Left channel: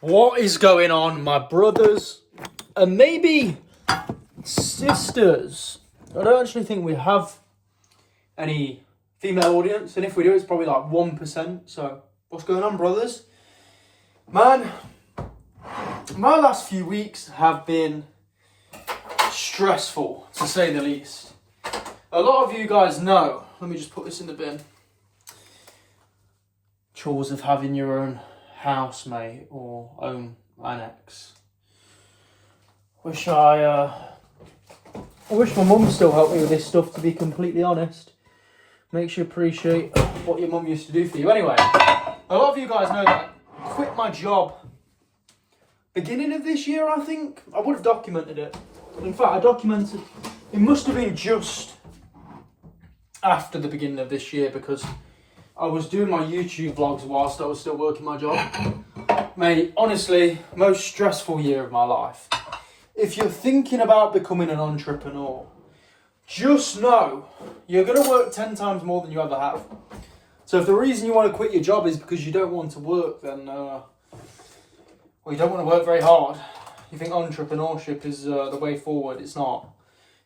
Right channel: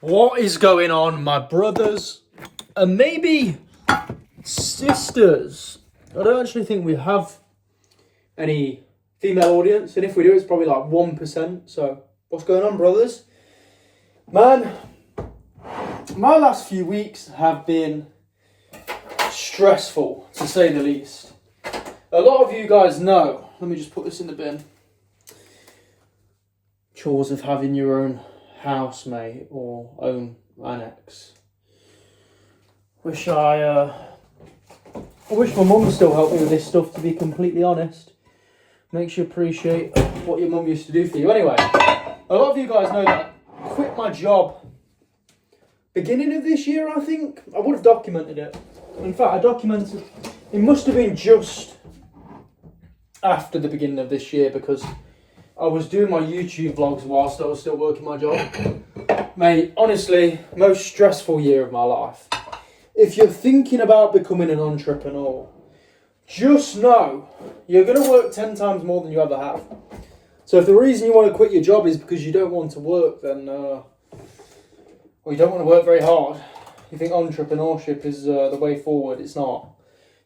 What is going on, my brothers and maybe sisters? I don't actually think we have any female audience, and if we do, it's probably like 1%. So, what's going on, brothers? Man, my last few weeks have been stressful, to say the least. A lot of you guys know, let me just put this in the bin, chores of having your own housemate or own annex. I wish my mum still helped me with this stuff, to be completely honest. Makes you appreciate what your mum used to do for you. Anyway, a lot of you guys know that I quit my job beginning of this year, I think. I would have documented it. In fact, I documented, it must have been just after the beginning of this year, because I was doing my YouTube vlogs whilst I was still working my job. Mate, honestly, most stressful year of my life. If you're thinking about becoming an entrepreneur, just know you're going to work 10 times more than you ever have. So if the reason you want to quit your job is because you don't want to work, then, or you don't want to work very hard, you think entrepreneurship is the way forward, it's not.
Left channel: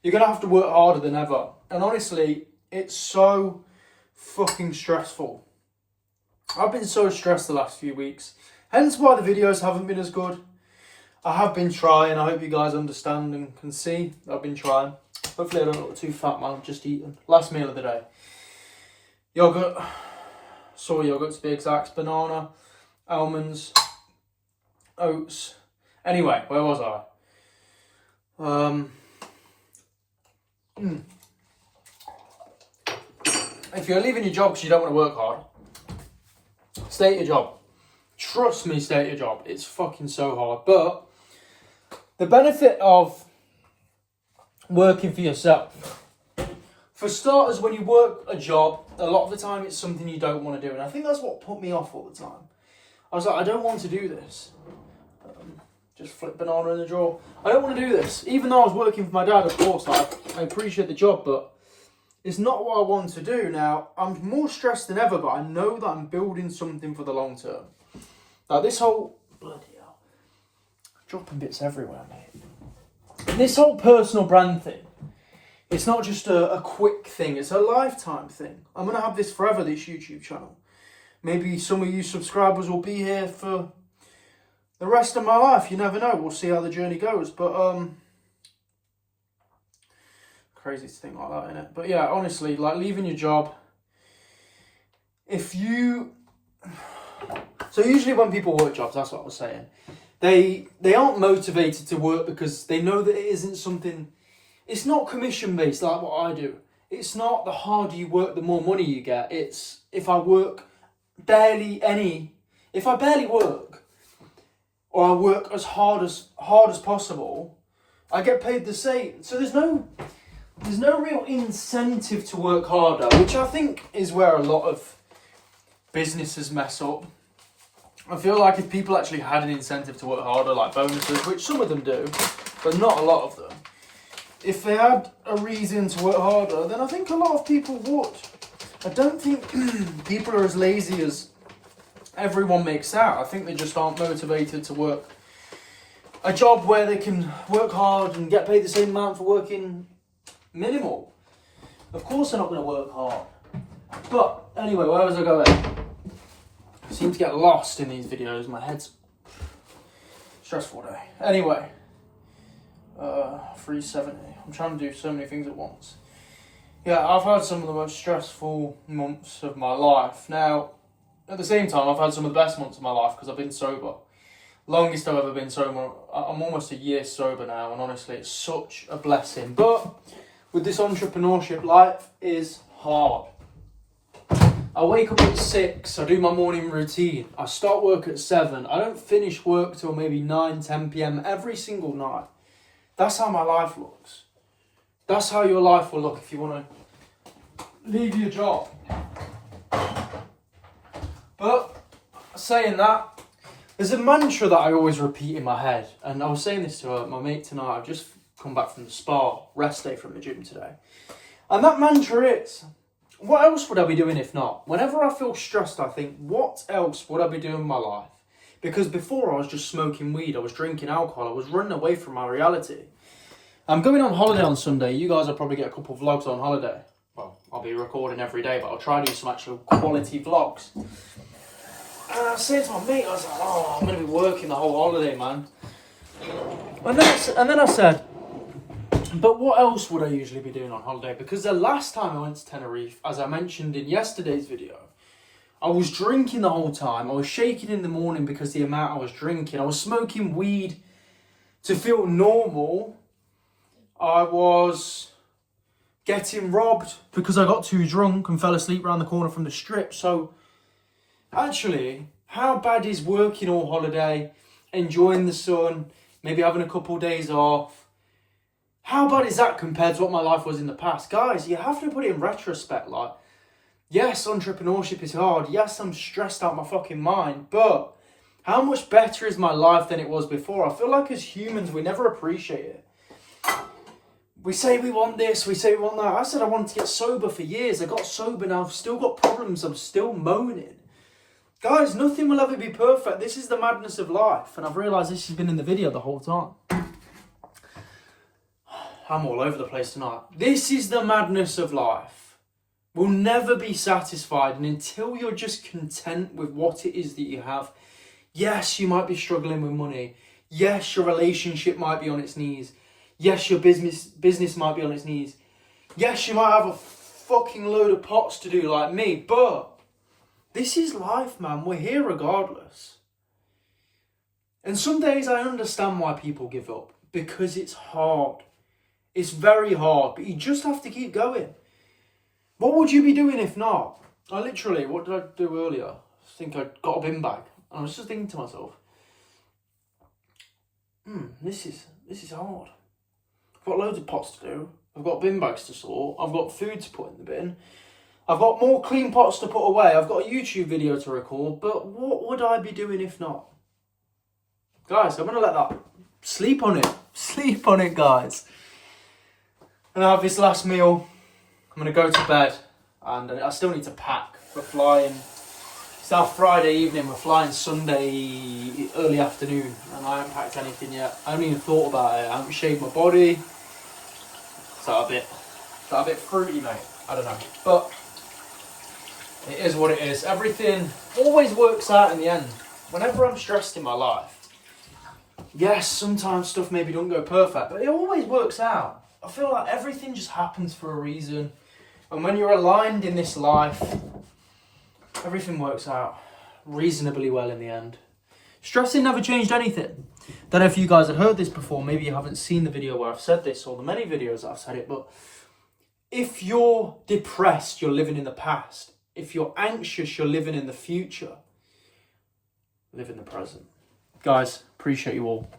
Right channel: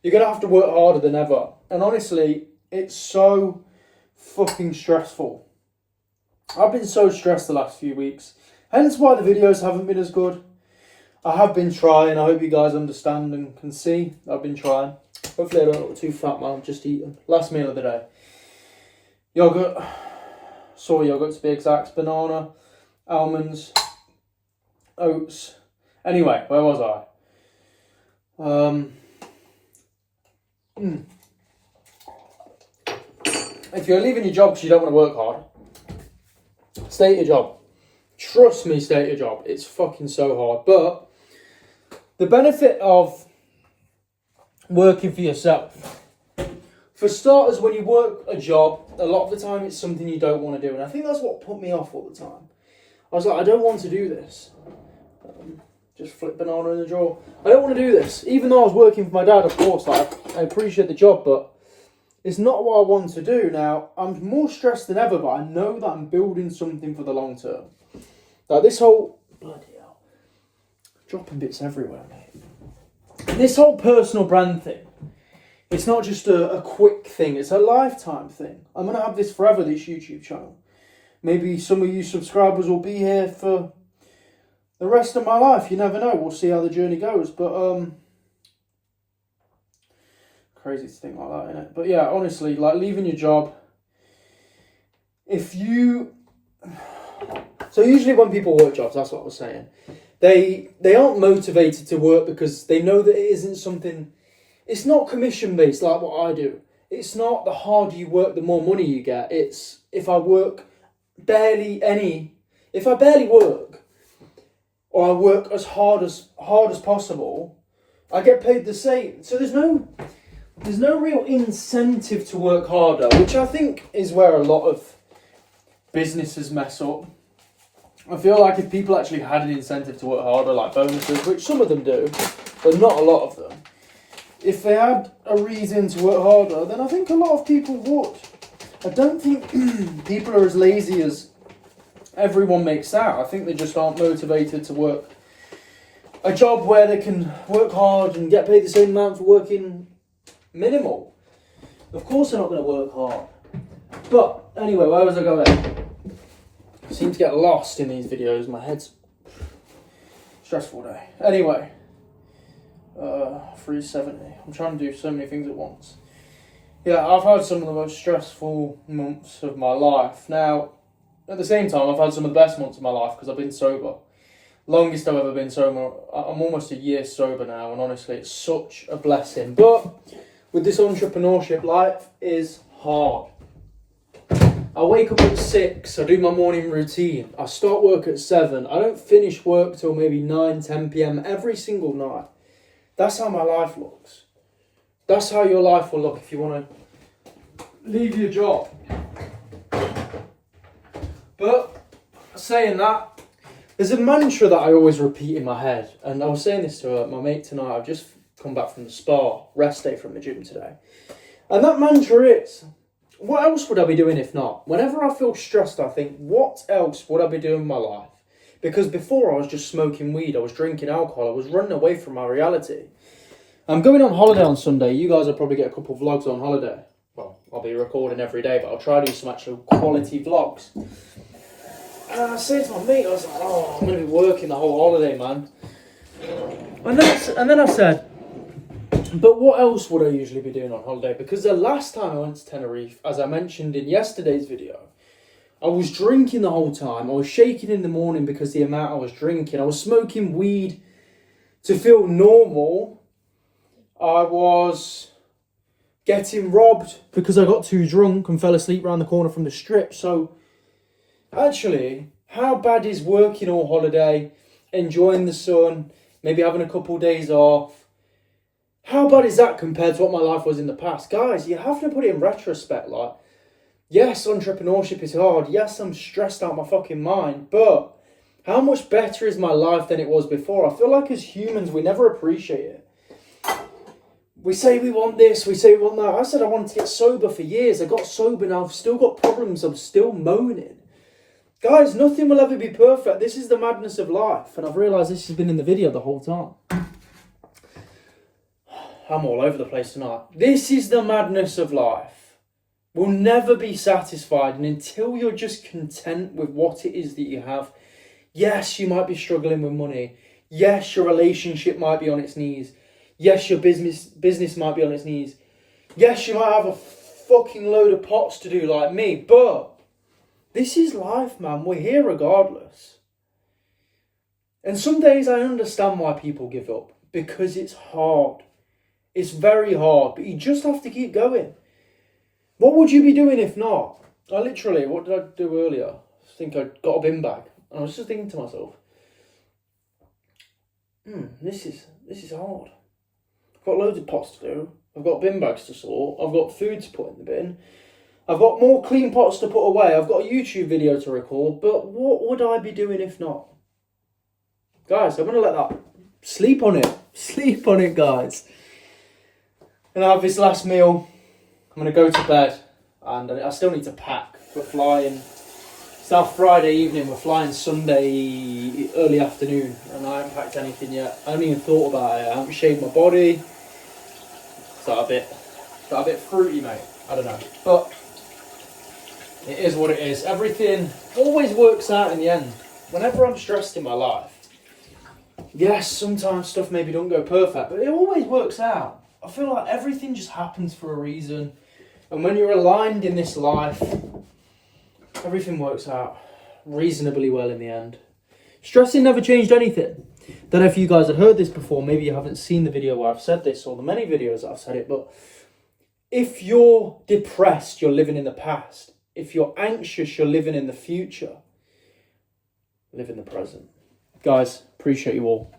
You're going to have to work harder than ever. And honestly, it's so fucking stressful. I've been so stressed the last few weeks, hence why the videos haven't been as good. I have been trying. I hope you guys understand and can see I've been trying. Hopefully I don't look too fat, man. I'm just eating. Last meal of the day. Yogurt, soy yogurt to be exact, banana, almonds, oats. Anyway, where was I? If you're leaving your job because you don't want to work hard, stay at your job. Trust me, stay at your job. It's fucking so hard. But the benefit of working for yourself, for starters, when you work a job, a lot of the time it's something you don't want to do. And I think that's what put me off all the time. I was like, I don't want to do this. Just flip banana in the drawer. I don't want to do this. Even though I was working for my dad, of course, like, I appreciate the job, but it's not what I want to do. Now, I'm more stressed than ever, but I know that I'm building something for the long term. Like this whole, bloody hell, dropping bits everywhere, mate. This whole personal brand thing, it's not just a quick thing, it's a lifetime thing. I'm going to have this forever, this YouTube channel. Maybe some of you subscribers will be here for the rest of my life. You never know. We'll see how the journey goes. But, crazy to think like that, innit? But yeah, honestly, like leaving your job, so usually when people work jobs, that's what I was saying, they aren't motivated to work because they know that it isn't something, it's not commission based like what I do. It's not the harder you work, the more money you get. It's if I barely work, or I work as hard as possible, I get paid the same. So there's no real incentive to work harder, which I think is where a lot of businesses mess up. I feel like if people actually had an incentive to work harder, like bonuses, which some of them do, but not a lot of them, if they had a reason to work harder, then I think a lot of people would. I don't think people are as lazy as everyone makes out. I think they just aren't motivated to work a job where they can work hard and get paid the same amount for working minimal. Of course they're not going to work hard. But anyway, where was I going? I seem to get lost in these videos. My head's stressful day. Anyway, 370. I'm trying to do so many things at once. Yeah, I've had some of the most stressful months of my life. Now, at the same time, I've had some of the best months of my life because I've been sober. Longest I've ever been sober. I'm almost a year sober now, and honestly, it's such a blessing. But with this entrepreneurship, life is hard. I wake up at 6, I do my morning routine. I start work at 7. I don't finish work till maybe 9, 10 p.m. every single night. That's how my life looks. That's how your life will look if you want to leave your job. But saying that, there's a mantra that I always repeat in my head. And I was saying this to my mate tonight. I've just come back from the spa, rest day from the gym today. And that mantra is, what else would I be doing if not? Whenever I feel stressed, I think, what else would I be doing in my life? Because before I was just smoking weed, I was drinking alcohol, I was running away from my reality. I'm going on holiday on Sunday. You guys will probably get a couple of vlogs on holiday. Well, I'll be recording every day, but I'll try to do some actual quality vlogs. And I said to my mate, I was like, oh, I'm going to be working the whole holiday, man. And then I said, but what else would I usually be doing on holiday? Because the last time I went to Tenerife, as I mentioned in yesterday's video, I was drinking the whole time. I was shaking in the morning because the amount I was drinking. I was smoking weed to feel normal. I was getting robbed because I got too drunk and fell asleep around the corner from the strip. So, actually, how bad is working all holiday, enjoying the sun, maybe having a couple of days off? How bad is that compared to what my life was in the past? Guys, you have to put it in retrospect. Like, yes, entrepreneurship is hard. Yes, I'm stressed out my fucking mind. But how much better is my life than it was before? I feel like as humans, we never appreciate it. We say we want this, we say we want that. I said I wanted to get sober for years. I got sober now. I've still got problems. I'm still moaning. Guys, nothing will ever be perfect. This is the madness of life. And I've realised this has been in the video the whole time. I'm all over the place tonight. This is the madness of life. We'll never be satisfied. And until you're just content with what it is that you have. Yes, you might be struggling with money. Yes, your relationship might be on its knees. Yes, your business might be on its knees. Yes, you might have a fucking load of pots to do like me. But this is life, man. We're here regardless. And some days I understand why people give up. Because it's hard. It's very hard. But you just have to keep going. What would you be doing if not? What did I do earlier? I think I got a bin bag. And I was just thinking to myself, this is hard. I've got loads of pots to do. I've got bin bags to sort. I've got food to put in the bin. I've got more clean pots to put away. I've got a YouTube video to record. But what would I be doing if not? Guys, I'm going to let that sleep on it. Sleep on it, guys. And I have this last meal. I'm going to go to bed. And I still need to pack. We're flying. It's now Friday evening. We're flying Sunday early afternoon. And I haven't packed anything yet. I haven't even thought about it. I haven't shaved my body. Is that a bit fruity, mate? I don't know. But it is what it is. Everything always works out in the end. Whenever I'm stressed in my life, yes, sometimes stuff maybe don't go perfect, but it always works out. I feel like everything just happens for a reason. And when you're aligned in this life, everything works out reasonably well in the end. Stressing never changed anything. Don't know if you guys have heard this before. Maybe you haven't seen the video where I've said this or the many videos that I've said it. But if you're depressed, you're living in the past. If you're anxious, you're living in the future. Live in the present. Guys, appreciate you all.